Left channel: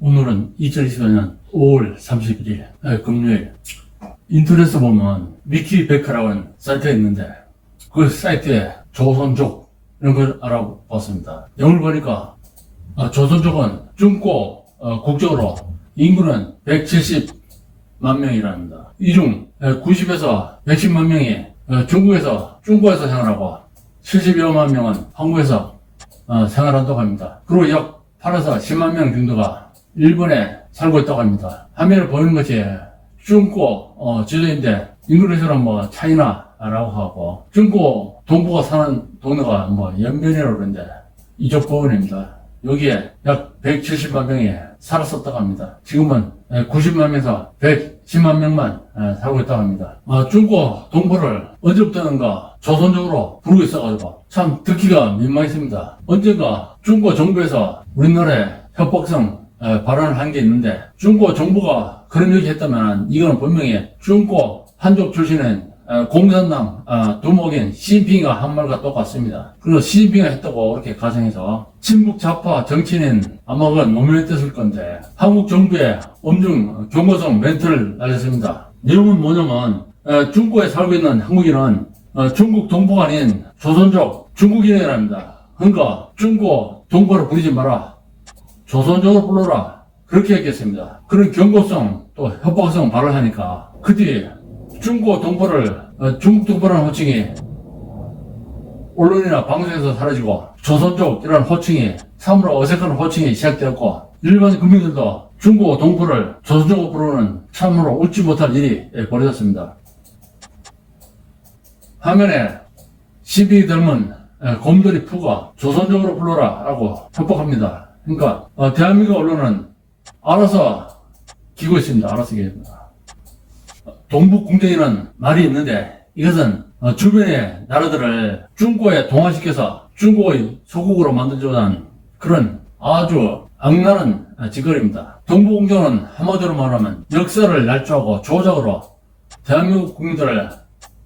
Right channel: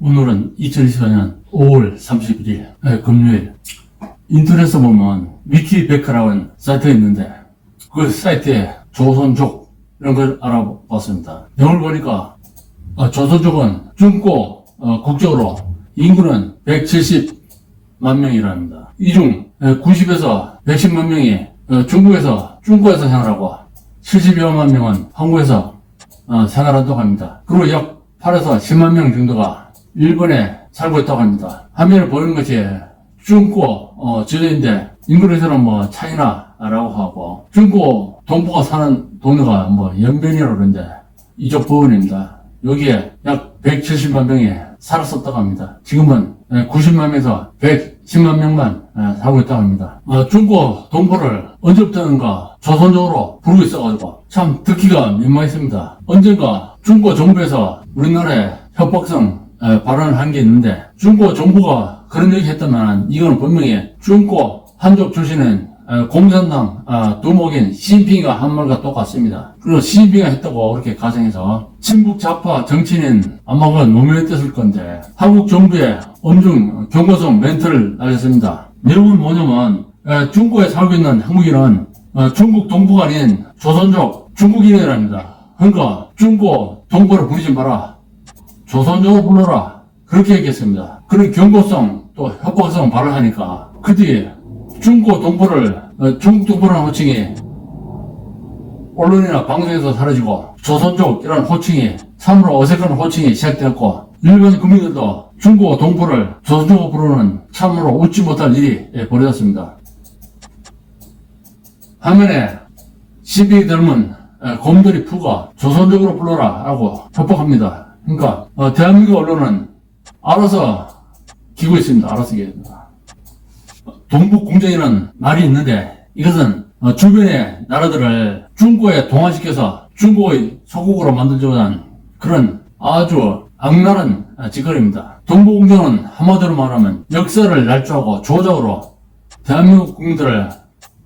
오늘은 2024년 5월 31일 금요일. 인터넷에 보면 위키백과라고 하는 사이트가 있는데 그 사이트에 조선족 이런 걸 알아봤습니다. 내용을 보니까 조선족은 중고 국적으로 인구는 170만 명이랍니다. 이 중 90에서 110만 명이 중국에서 생활하고 70여만 명은 한국에서 생활한다고 합니다. 그리고 약 8에서 10만 명 정도가 일본에 살고 있다고 합니다. 화면을 보이는 것이 중고 지도인데 인도네시아는 뭐 차이나라고 하고 중고 동포가 사는 동네가 뭐 연변이라고 그러는데 이쪽 부분입니다. 여기에 약 170만 명이 살았었다고 합니다. 지금은 90만 명에서 110만 명만 살고 있다고 합니다. 중고 동포를 언제부터인가 조선족으로 부르고 있어가지고 참 듣기가 민망했습니다. 언젠가 중고 정부에서 우리나라에 협박성 발언을 한 게 있는데 중고 정부가 그런 얘기 했다면 이거는 분명히 중고 한족 출신은 공산당 두목인 시진핑이가 한 말과 똑같습니다. 그리고 시진핑이가 했다고 그렇게 가정해서 친북 좌파 정치인은 아마 그건 노무현했을 건데 한국 정부의 엄중 경고성 멘트를 날렸습니다. 내용은 뭐냐면 중국에 살고 있는 한국인은 중국 동포가 아닌 조선족 중국인이랍니다. 그러니까 중고 동포를 부르지 마라. 조선족으로 불러라. 그렇게 얘기했습니다. 그런 경고성 또 협박성 발언하니까 그 뒤에 중고 동포를 중국 동포라는 호칭이 언론이나 방송에서 사라지고 조선족이라는 호칭이 참으로 어색한 호칭이 시작되었고 일반 국민들도 중고 동포를 조선족으로 부르는 참으로 웃지 못할 일이 벌어졌습니다. 화면에 시비 닮은 곰돌이 푸가 조선족으로 불러라 라고 협박합니다. 그러니까 대한민국 언론은 알아서 기고 있습니다. 알아서 기입니다. 동북공정이라는 말이 있는데 이것은 주변의 나라들을 중고에 동화시켜서 중고의 소국으로 만들자고 한 그런 아주 악랄한 짓거리입니다. 동북공정은 한마디로 말하면 역사를 날조하고 조작으로 대한민국 국민들을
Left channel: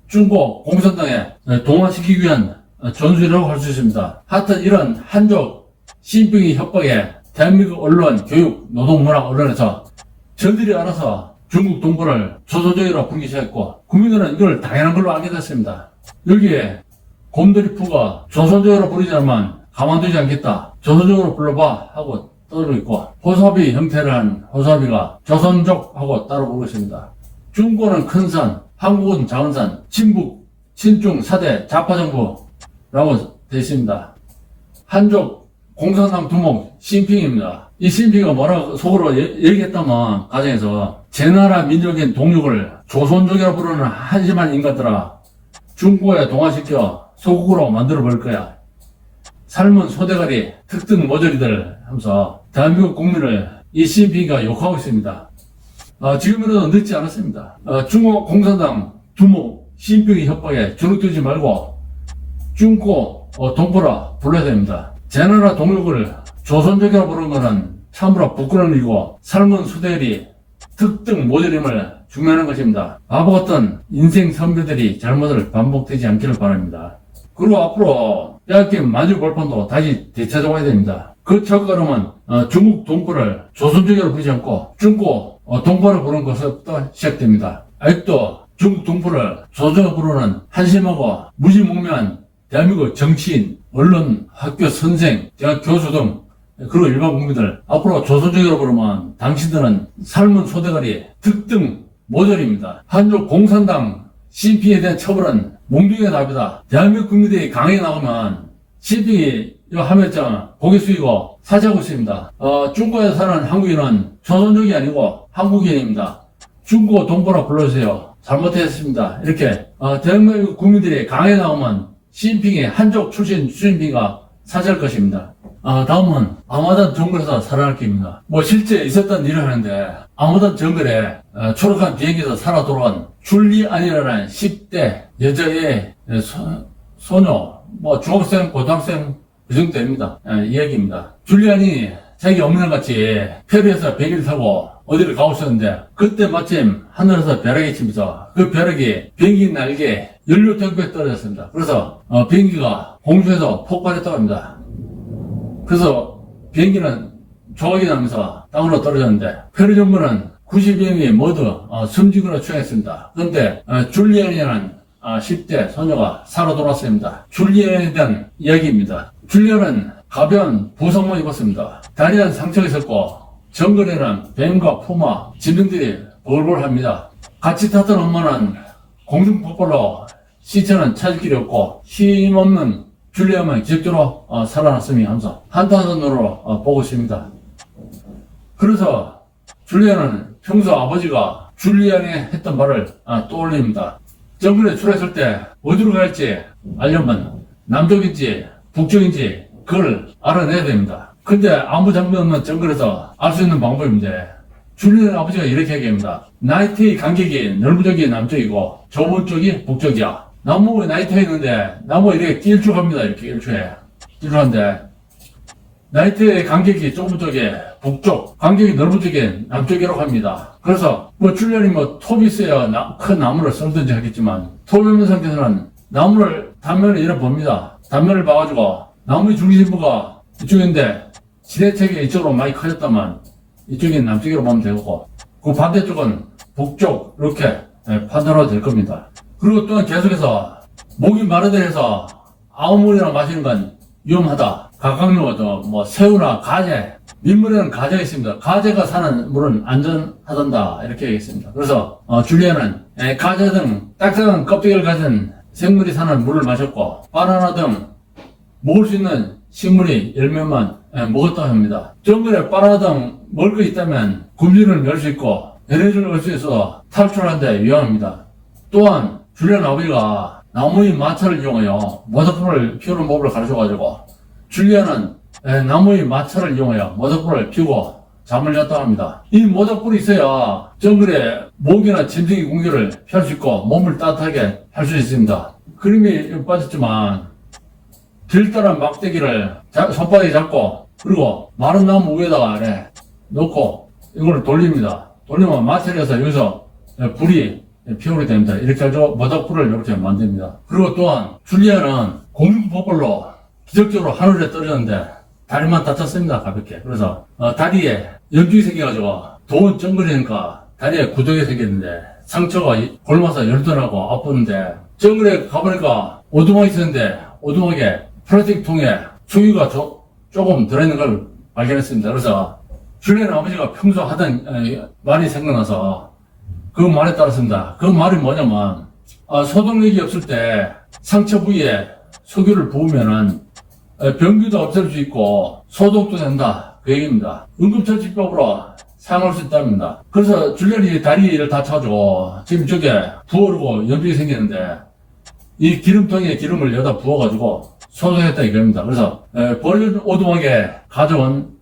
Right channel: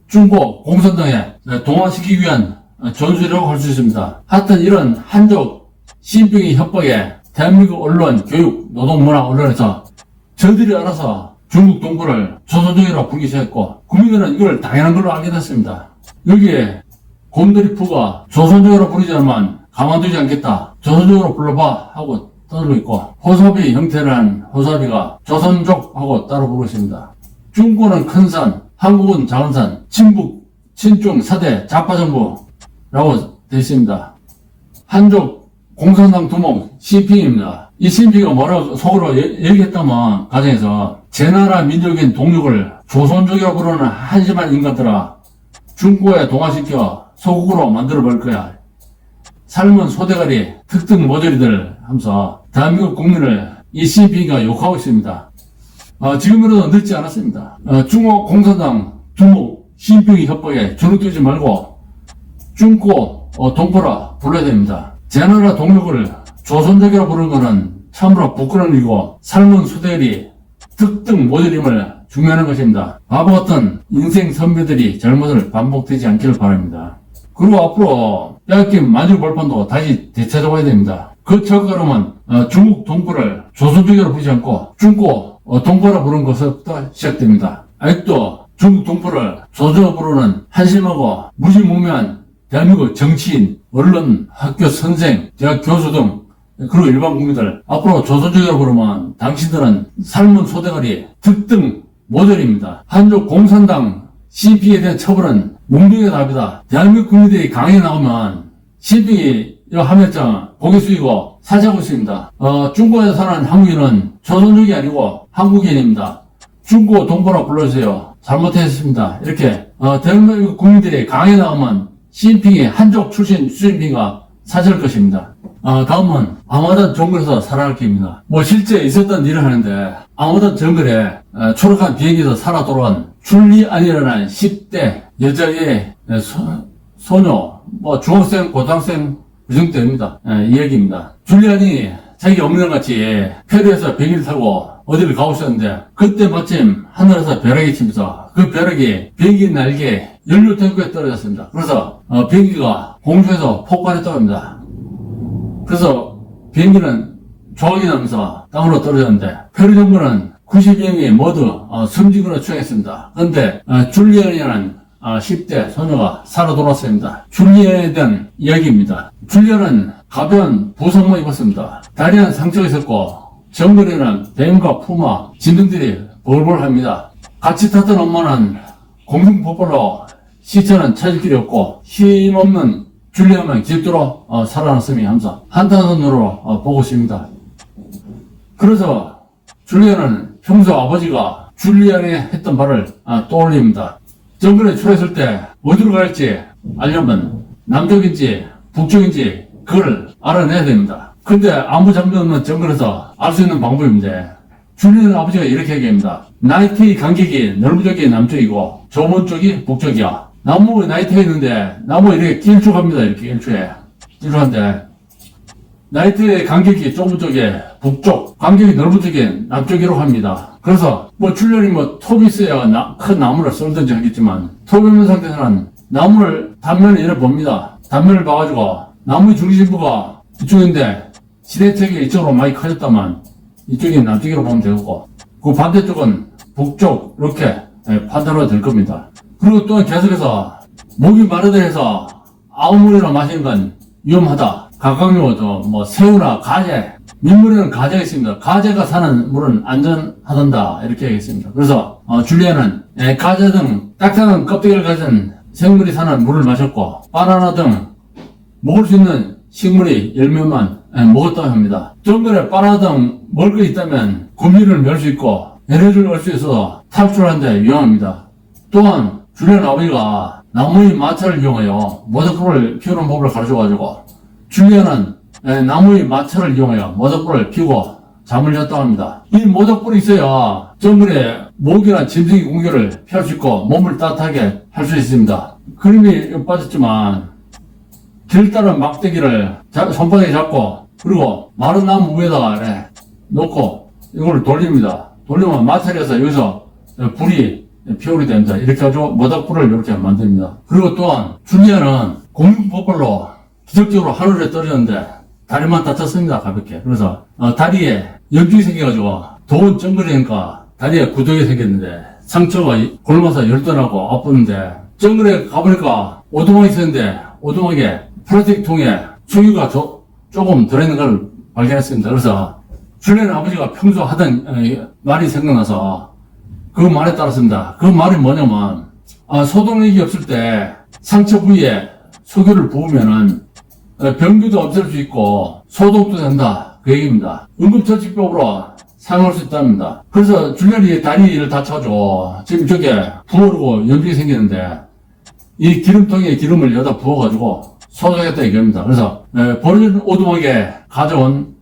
중고 공산당에 동화시키기 위한 전술이라고 할 수 있습니다. 하여튼 이런 한족 시진핑의 협박에 대한민국 언론, 교육, 노동문화 언론에서 저들이 알아서 중국 동포를 조선족이라고 부르기 시작했고 국민들은 이걸 당연한 걸로 알게 됐습니다. 여기에 곰돌이 푸가 조선족으로 부르자면 가만두지 않겠다. 조선족으로 불러봐 하고 떠들고 있고 호사비 형태를 한 호사비가 조선족하고 따로 부르고 있습니다. 중국은 큰 산, 한국은 작은 산, 친북, 친중, 사대, 좌파정부라고 되어 있습니다. 한족 공산당 두목 시진핑입니다. 이 시진핑이가 뭐라고 속으로 얘기했다면 가정에서 제 나라 민족인 동족을 조선족이라고 부르는 한심한 인간들아 중고에 동화시켜 소국으로 만들어버릴 거야. 삶은 소대가리 특등 모조리들 하면서 대한민국 국민을 이 시진핑이가 욕하고 있습니다. 지금이라도 늦지 않았습니다. 중국 공산당 두목 시진핑의 협박에 주눅들지 말고 중고 동포라 불러야 됩니다. 제 나라 동족을 조선족이라고 부르는 것은 참으로 부끄러운 일이고 삶은 소대리 특등 모델임을 중요하는 것입니다. 바보 같은 인생 선배들이 잘못을 반복되지 않기를 바랍니다. 그리고 앞으로 빼앗긴 만주 벌판도 다시 되찾아와야 됩니다. 그 착각하면 중국 동포를 조선족이라고 부르지 않고 중고 동포라 부르는 것부터 시작됩니다. 아직도 중국 동포를 조선족으로 부르는 한심하고 무지몽매한 대한민국 정치인, 언론, 학교 선생, 대학 교수 등 그리고 일반 국민들 앞으로 조선족이라고 부르면 당신들은 삶은 소대가리 특등 모델입니다. 한족 공산당 시진핑에 대한 처벌은 몽둥이의 답이다. 대한민국 국민들이 강하게 나오면 시진핑이 하면장 고개 숙이고 사죄하고 있습니다. 중국에 사는 한국인은 조선족이 아니고 한국인입니다. 중국 동포라 불러주세요. 잘못했습니다. 이렇게 대한민국 국민들이 강하게 나오면 시진핑이 한족 출신 시진핑가 사죄할 것입니다. 다음은 아마단 정글에서 살아날 기입니다. 실제 있었던 일을 하는데 아마단 정글에 초록한 비행기에서 살아 돌아온 줄리안이라는 10대 여자의 소녀, 중학생, 고등학생 그 정도 됩니다. 이 얘기입니다. 줄리안이 자기 엄마같이 페리에서 비행기를 타고 어디를 가고 있었는데 그때 마침 하늘에서 벼락이 치면서 그 벼락이 비행기 날개에 연료 탱크에 떨어졌습니다. 그래서 비행기가 공중에서 폭발했다고 합니다. 그래서 비행기는 조각이 나면서 땅으로 떨어졌는데 페루 정부는 92명이 모두 숨지거나 추행했습니다. 그런데 줄리안이라는 10대 소녀가 살아 돌아왔습니다. 줄리안에 대한 이야기입니다. 줄리안은 가벼운 부상만 입었습니다. 다리에 상처가 있었고 정글에는 뱀과 푸마, 진등들이 벌벌합니다. 같이 탔던 엄마는 공중폭발로 시체는 찾을 길이 없고 힘없는 줄리안만 기적적으로 살아났음이 하면서 한탄선으로 보고 있습니다. 그래서 줄리안은 평소 아버지가 줄리안이 했던 말을 떠올립니다. 정글에 출했을 때 어디로 갈지 알려면 남쪽인지 북쪽인지 그걸 알아내야 됩니다. 근데 아무 장비 없는 정글에서 알 수 있는 방법인데 줄리안 아버지가 이렇게 얘기합니다. 나이테의 간격이 넓은 남쪽이고 좁은 쪽이 북쪽이야. 나무 나이테가 있는데 나무 이렇게 길쭉합니다. 이렇게 길쭉한데 나이테의 간격이 좁은 쪽에 북쪽, 간격이 넓은 쪽에 남쪽이라고 합니다. 그래서 줄리안이 톱이 있어야 큰 나무를 썰든지 하겠지만 톱이 없는 상태에서는 나무를 단면을 이렇게 봅니다. 단면을 봐가지고 나무의 중심부가 이쪽인데 지대책이 이쪽으로 많이 커졌다만 이쪽이 남쪽으로 보면 되고 그 반대쪽은 북쪽 이렇게 판단하도 될 겁니다. 그리고 또한 계속해서 목이 마르다 해서 아무 물이나 마시는 건 위험하다. 각각류도 새우나 가재, 민물에는 가재가 있습니다. 가재가 사는 물은 안전하단다 이렇게 얘기했습니다. 그래서 줄리안은 가재 등 딱딱한 껍데기를 가진 생물이 사는 물을 마셨고 바나나 등 먹을 수 있는 식물의 열매만 먹었다고 합니다. 정글에 바나나 등 먹을 거 있다면 굶주림을 멸 수 있고 에너지를 얻을 수 있어서 탈출하는데 유용합니다. 또한 줄리안 아버지가 나무의 마차를 이용하여 모닥불을 피우는 법을 가르쳐가지고 줄리안은 나무의 마차를 이용하여 모닥불을 피우고 잠을 잤다고 합니다. 이 모닥불이 있어야 정글에 모기나 짐승의 공격을 피할 수 있고 몸을 따뜻하게 할 수 있습니다. 그림이 빠졌지만 길다란 막대기를 손바닥에 잡고 그리고 마른 나무 위에다가 놓고 이걸 돌립니다. 돌리면 마찰이 서 여기서 불이 피우게 됩니다. 이렇게 해서 모닥불을 이렇게 만듭니다. 그리고 또한 줄리안은 공중폭발로 기적적으로 하늘에 떨어졌는데 다리만 다쳤습니다. 가볍게. 그래서 다리에 염증이 생겨가지고 더운 정글이니까 다리에 구덩이 생겼는데 상처가 골마서 열떠나고 아팠는데 정글에 가보니까 오두막이 있었는데 오두막에 플라스틱 통에 초유가 조금 들어있는 걸 발견했습니다. 그래서 줄리안 아버지가 평소 하던 말이 생각나서 그 말에 따랐습니다. 그 말이 뭐냐면 소독력이 없을 때 상처 부위에 석유를 부으면은 병균도 없앨 수 있고 소독도 된다 그 얘기입니다. 응급처치법으로 사용할 수 있답니다. 그래서 줄리안이 다리를 다쳐가지고 지금 저게 부어오르고 염증이 생기는데 이 기름통에 기름을 여기다 부어가지고 소독했다 이겁니다. 그래서 버려진 오두막에 가져온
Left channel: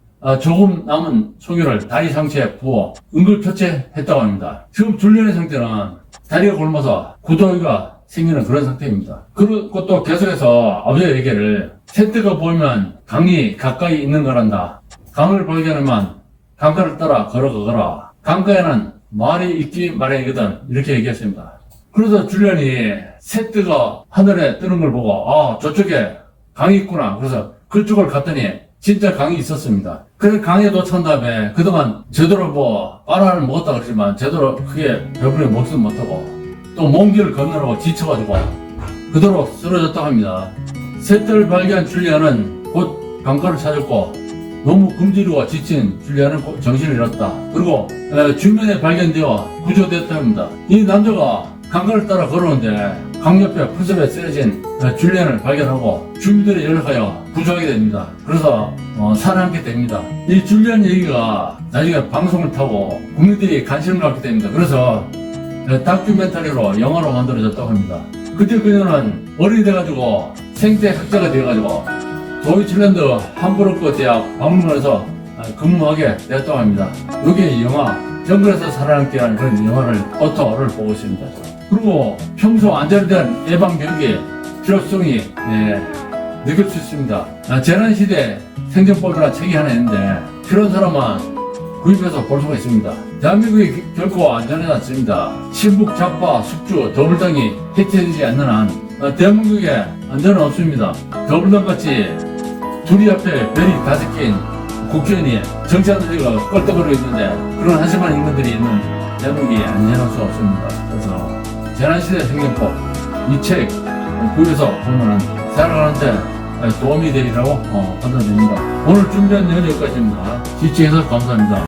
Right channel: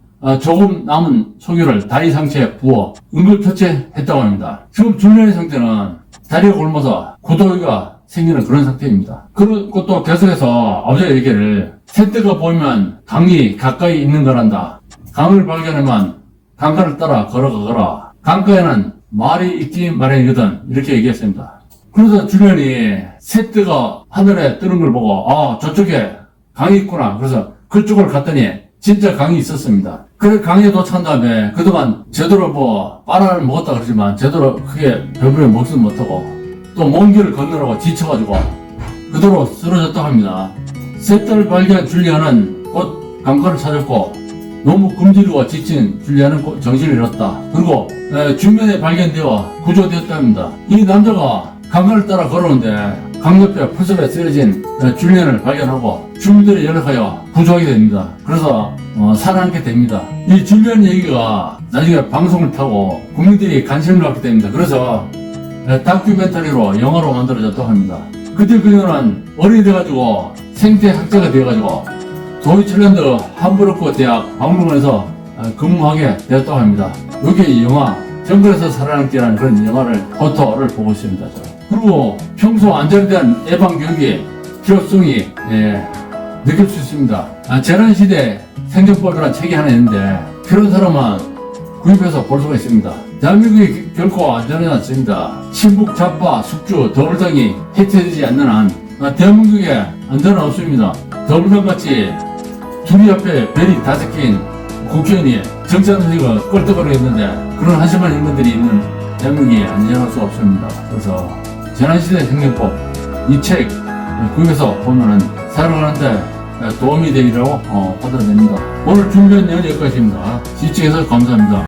조금 남은 석유를 다리 상처에 부어 응급처치했다고 합니다. 지금 줄리안의 상태는 다리가 굶어서 구더기가 생기는 그런 상태입니다. 그리고 또 계속해서 아버지의 얘기를 새떼가 보이면 강이 가까이 있는 거란다. 강을 발견하면 강가를 따라 걸어가거라. 강가에는 말이 있기 마련이거든. 이렇게 얘기했습니다. 그래서 줄리안이 새떼가 하늘에 뜨는 걸 보고 저쪽에 강이 있구나. 그래서 그쪽을 갔더니 진짜 강이 있었습니다. 그래 강에 도착한 다음에 그동안 제대로 바나나를 먹었다 그러지만 제대로 크게 배부르게 먹지 못하고 또 먼 길을 건너라고 지쳐가지고 그대로 쓰러졌다고 합니다. 새떼를 발견한 줄리안은 곧 강가를 찾았고 너무 굶주리고 지친 줄리안은 정신을 잃었다. 그리고 주변에 발견되어 구조되었다 합니다. 이 남자가 강가를 따라 걸어오는데 강 옆에 풀숲에 쓰여진 줄리안을 발견하고 주민들이 연락하여 구조하게 됩니다. 그래서 살아남게 됩니다. 이 줄리안 얘기가 나중에 방송을 타고 국민들이 관심을 갖게 됩니다. 그래서 다큐멘터리로 영화로 만들어졌다고 합니다. 그때 그녀는 어른이 돼가지고 생태학자가 되어가지고 도이칠랜드 함부르크 대학 박물관에서 근무하게 되었다고 합니다. 여기 영화 정글에서 살아남기라는 그런 영화를 포토를 보고 있습니다. 그리고 평소 안전에 대한 예방교육의 필요성이 느낄 수 있습니다. 재난시대 생존법이라는 책이 하나 있는데 필요한 사람은 구입해서 볼 수가 있습니다. 대한민국이 결코 안전하지 않습니다. 친북, 좌파, 숙주, 더불당이 해체되지 않는 한 대한민국에 안전은 없습니다. 더불당같이 둘이 앞에 별이 5개인 국회의원이 정치하는 소리가 껄떡거리겠는데 그런 한심한 인간들이 있는 대한민국이 안전할 수 없습니다. 그래서 재난시대 생명법 이 책 구해서 보면은 살아가는데 도움이 되리라고 판단됩니다. 오늘 준비한 내용 여기까지입니다. 시청해서 감사합니다.